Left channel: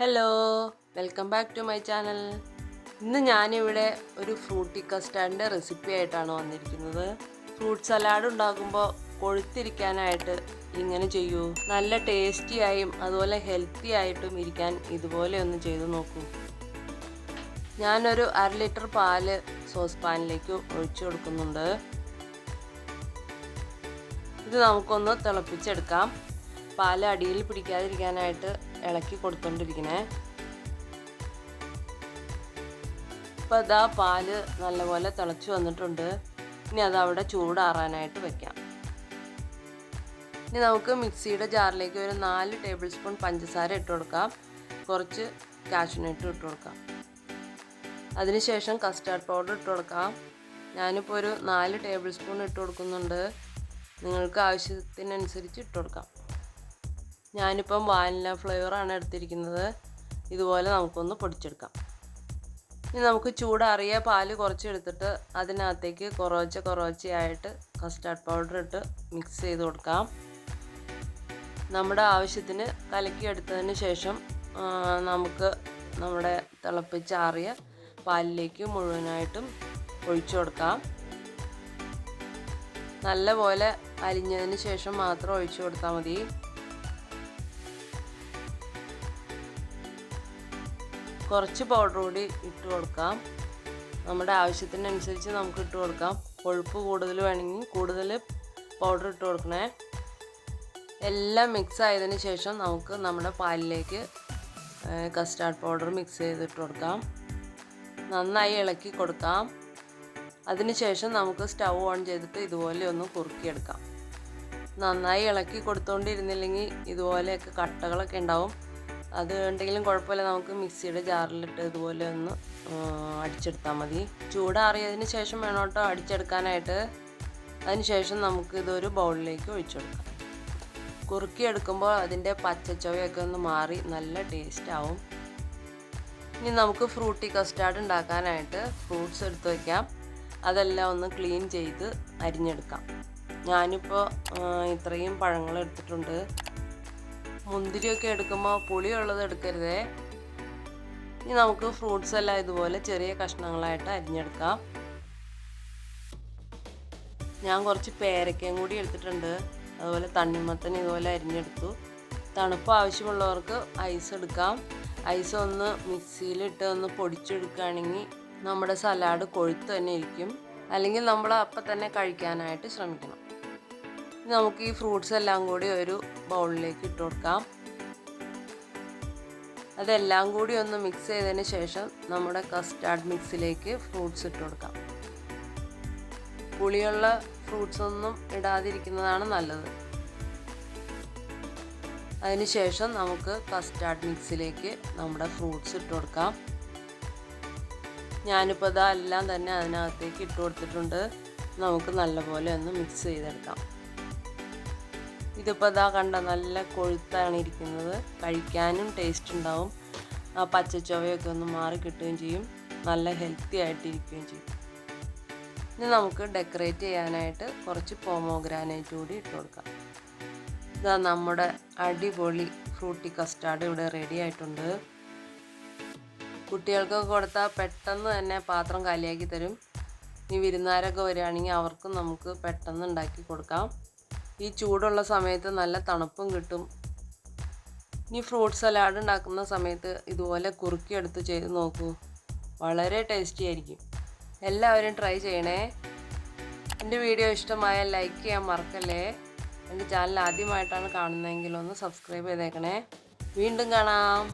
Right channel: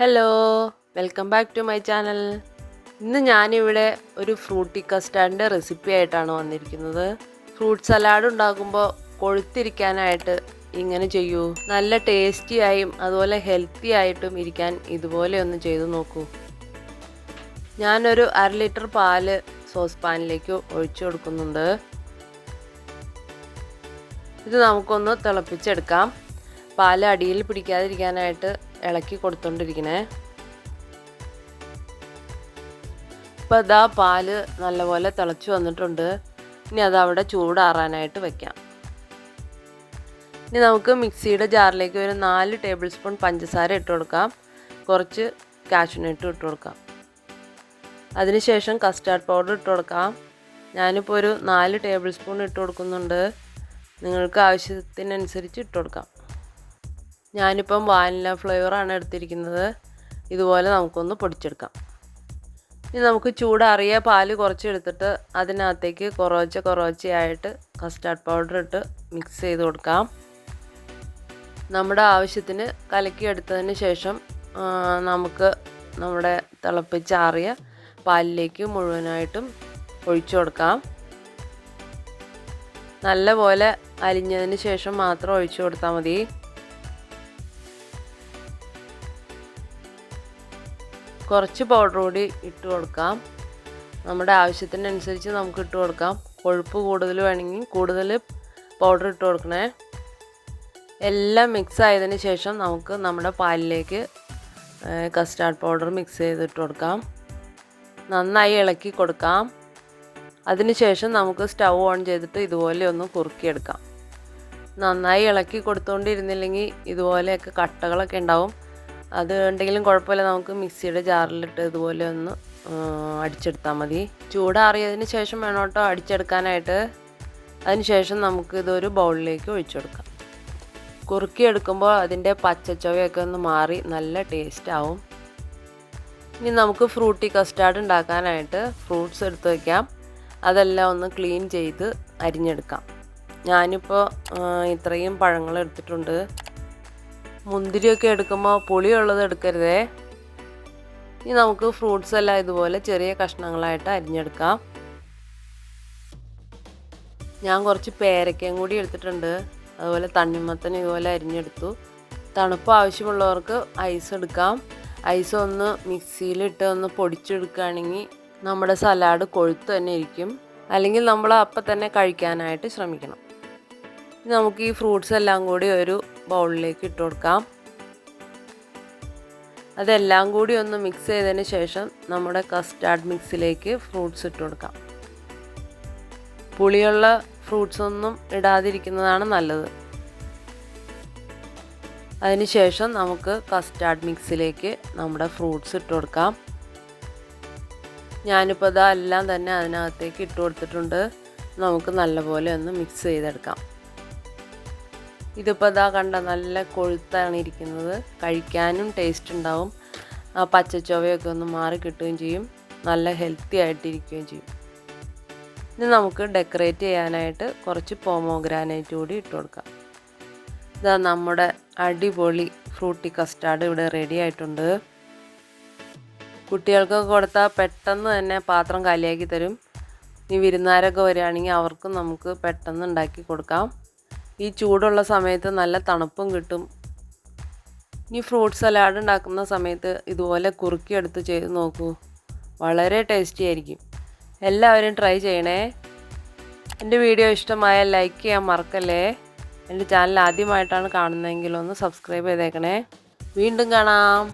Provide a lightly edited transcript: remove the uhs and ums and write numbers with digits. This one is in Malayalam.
Hello, welcome back to my channel. ഇന്ന് ഞാനിവിടെ ഒരു ഫ്രൂട്ടി കസ്റ്റാർഡിൻ്റെ റെസിപ്പി ആയിട്ടാണ് വന്നിരിക്കുന്നത്. ഫ്രൂട്ട് സലാഡ് ഉണ്ടാക്കുമ്പോൾ കൊഴുത്തിരിക്കാനായിട്ട് ഇങ്ങനെ ചെയ്യൂ. നല്ല ടേസ്റ്റിയായും അതുപോലെ ഹെൽത്തി ആയിട്ടും ഇരിക്കാൻ ഇതുപോലെ ഒന്ന് ചെയ്തു നോക്കൂ. ഞാനൊരു 1/2 ലിറ്റർ പാല് സോസ് പാനിലേക്ക് ഒഴിച്ചു കൊടുക്കുന്നുണ്ട്. ഇത് നമുക്കൊന്ന് തിളപ്പിച്ചെടുക്കാം. പാല് അടിയിൽ പിടിക്കാതിരിക്കാനായിട്ട് ഇളക്കി കൊടുത്തോണ്ടിരിക്കണേ. ഇപ്പോൾ അതാ പാല് നല്ലപോലെ തിളച്ച് വന്നിട്ടുണ്ട്. ഇനി അതവിടെ ചൂടാറാനായിട്ട് വെക്കാം. ഇനി നമുക്ക് മിക്സിയുടെ ജാറിലേക്ക് ഒരു 4 ടേബിൾ സ്പൂൺ പഞ്ചസാര ഇട്ട് കൊടുക്കാം. കുറച്ച് കാഷ്യൂനട്ട് ഇട്ട് കൊടുക്കാം. അതിനുശേഷം കസ്റ്റാർഡ് പൗഡർ ഇട്ട് കൊടുക്കാം. ഞാനിപ്പോൾ ഒരു 4 ടേബിൾ സ്പൂൺ ഇട്ട് കൊടുക്കുന്നുണ്ട്. നിങ്ങൾക്ക് ആവശ്യത്തിനനുസരിച്ച് ഇട്ട് കൊടുക്കാം. ഞാനിപ്പം വാനില ഫ്ലേവറാണ് എടുത്തിരിക്കുന്നത്. ഇതുപോലെ നമുക്കൊന്ന് പൊടിച്ചെടുക്കാം. ഇനി നമുക്ക് ചൂടാറിയ പാല് കുറച്ചെടുത്തിട്ട് അതിനകത്തേക്ക് കുറച്ചയായിട്ട് കസ്റ്റാർഡ് പൗഡർ ഇട്ട് മിക്സ് ചെയ്ത് കൊടുക്കാം. നമ്മുടെ ആവശ്യത്തിന് കലക്കിയെടുത്തതിന് ശേഷം നമുക്ക് നമ്മുടെ തിളപ്പിച്ചാറിയ പാലിലേക്ക് മുഴുവനായിട്ടും ഒഴിച്ചു കൊടുക്കാം. നല്ലപോലെ അലിഞ്ഞതിന് ശേഷം മാത്രം ഒഴിച്ചു കൊടുത്താൽ മതി. കുറച്ച് പൗഡർ കൂടി ഇട്ട് കൊടുക്കാം. നമ്മുടെ ആവശ്യത്തിനനുസരിച്ച് നമുക്ക് ഇട്ട് കൊടുക്കാം. കൊഴുപ്പ് കൂടുതൽ വേണമെങ്കിൽ കൂടുതൽ പൗഡർ ഇട്ട് കൊടുക്കണേ. എല്ലാം മിക്സ് ആയതിന് ശേഷം നമുക്ക് നമ്മുടെ പാലിലേക്ക് കസ്റ്റാർഡ് പൗഡർ മിക്സ് ചെയ്തിട്ട് കൊടുക്കാം. നന്നായി ഇളക്കി കൊടുക്കാം. അതിനുശേഷം നമുക്ക് സ്റ്റൗ ഓൺ ചെയ്തിട്ട് ഇതുപോലെ ഒന്ന് കുറുക്കിയെടുക്കാം. നന്നായി ഇളക്കി കൊടുത്തുകൊണ്ടിരുന്നില്ലെങ്കിൽ ഇതുപോലെയൊക്കെ കട്ടകളൊക്കെ ഉണ്ടാവും. അത് ഉണ്ടെങ്കിലും കുഴപ്പമില്ല. നമുക്ക് മിക്സിയുടെ ജാറിലിട്ട് ഇതുപോലെ ഒന്ന് അടിച്ചെടുത്താൽ മതി. ചൂടാറിയതിന് ശേഷം വേണം കേട്ടോ അടിച്ചെടുക്കാനായിട്ട്. അതിന് ശേഷം നമുക്ക് ഇതൊരു ബൗളിലേക്ക് ഒഴിച്ചെടുക്കാം. കുറുക്കിയെടുക്കുമ്പോൾ അതിൻ്റെ പച്ചച്ചുവയൊക്കെ ഒന്ന് മാറി നല്ല ടേസ്റ്റ് ആവും. ഇനി നമുക്ക് ഫ്രൂട്ടി കസ്റ്റാർഡ് ഉണ്ടാക്കാനായിട്ട് ഫ്രൂട്ട്സ് എടുത്ത് വയ്ക്കാം. അതെല്ലാം ഒന്ന് ക്ലീൻ ചെയ്ത് അരിഞ്ഞെടുക്കാം. ഞാനിപ്പോൾ ഇത്രയും പഴങ്ങൾ എടുത്തിട്ടുണ്ട്. മുന്തിരിയൊക്കെ എടുക്കുമ്പോൾ പുളിയുള്ളത് എടുക്കരുതേ. ഇനി നമുക്ക് ഫ്രൂട്ട്സ് എല്ലാം ഇതുപോലെ ചെറിയ കഷ്ണങ്ങളായിട്ട് അരിഞ്ഞെടുക്കാം. ഞാൻ കുറച്ച് പേരക്കയും കൂടി എടുത്തിട്ടുണ്ട്. അതുപോലെ തണ്ണിമത്തൻ ഇതുപോലെ അരിഞ്ഞെടുത്തു. തണുപ്പ് ആവശ്യമുള്ളവർക്ക് ഐസ് എടുക്കാം. ഐസ് ഒന്ന് മിക്സിയിലിട്ട് ഒന്ന് പൊടിച്ചെടുക്കുകയാണെങ്കിൽ നമ്മുടെ സലാഡ് കൊഴുത്ത് തന്നെ ഇരിക്കും. അല്ലെങ്കിൽ നമ്മൾ അപ്പം തന്നെ കഴിക്കാനായിട്ട് ശ്രമിക്കണം. നമുക്ക് ഈ ഫ്രൂട്ട്സ് എല്ലാം കൂടി ഒരു ബൗളിലേക്ക് ഇട്ട് കൊടുക്കാം. അതെല്ലാം കൂടി ഒന്ന് മിക്സ് ചെയ്തതിന് ശേഷം നമ്മുടെ കസ്റ്റാർഡ് മിക്സിലേക്ക് ഫ്രൂട്ട്സ് ഇട്ട് കൊടുക്കാം. പുളിയുള്ള ഫ്രൂട്ട്സ് ഒന്നും ഇടാതിരിക്കുന്നതാണ് നല്ലത്. അതിനുശേഷം നമുക്ക് കസ്റ്റാർഡ് മിക്സിലേക്ക് നമ്മുടെ ഫ്രൂട്ട്സ് ഇട്ട് കൊടുക്കാം. ഞാനിപ്പോൾ ഇതെല്ലാം തന്നെ അതിനകത്തേക്ക് ഇട്ട് കൊടുത്തിട്ടുണ്ട്. നമുക്ക് നല്ലപോലെ ഒന്ന് മിക്സ് ചെയ്തെടുക്കാം. ഇതിപ്പോൾ കണ്ട നല്ല കൊഴുത്താണ് ഇരിക്കുന്നത്. കഴിക്കാനും ടേസ്റ്റ് ഉണ്ടാവും. ആ പച്ചച്ചുവയൊക്കെ ഒന്ന് മാറി കിട്ടുകയും ചെയ്യും. നല്ല ഹെൽത്തി ആയിട്ടിരിക്കുകയും ചെയ്യും. ഇനി നമുക്ക് ഡെക്കറേറ്റ് ചെയ്യാനായിട്ട് കുറച്ച് പോമോഗ്രാനൈറ്റ് കൂടി ഇട്ട് കൊടുക്കാം. ഇതാ നമ്മുടെ അടിപൊളി ഫ്രൂട്ടി കസ്റ്റാർഡ് ഇവിടെ റെഡി ആയിട്ടുണ്ട്. കുട്ടികൾക്കൊക്കെ കൊടുത്താൽ പെട്ടെന്ന് തന്നെ പാത്രം കാലിയാക്കി തരും. ഇനി വിരുന്നുകാരൊക്കെ വരികയാണെങ്കിൽ അവർക്കും നമുക്ക് പെട്ടെന്ന് ഉണ്ടാക്കി കൊടുക്കാം. ഈ ചൂടുള്ള സമയത്ത് നല്ല തണുപ്പും കിട്ടും. ഇനി ഫ്രൂട്ട് സലാഡ് ഉണ്ടാക്കുന്ന സമയത്ത് ഇതുപോലെ കുറുക്കിയെടുത്ത് ചെയ്ത് നോക്കൂ. വളരെ ടേസ്റ്റി ആയിരിക്കും. എല്ലാവരും ട്രൈ ചെയ്യണേ. എൻ്റെ വീഡിയോ ഇഷ്ടമായാൽ ലൈക്ക് ചെയ്യാൻ മറക്കല്ലേ. എൻ്റെ ചാനൽ ആദ്യമായിട്ടാണ് കാണുന്നതെങ്കിൽ ഒന്ന് സബ്സ്ക്രൈബ് ചെയ്തേക്കണേ. വീണ്ടും കാണാം.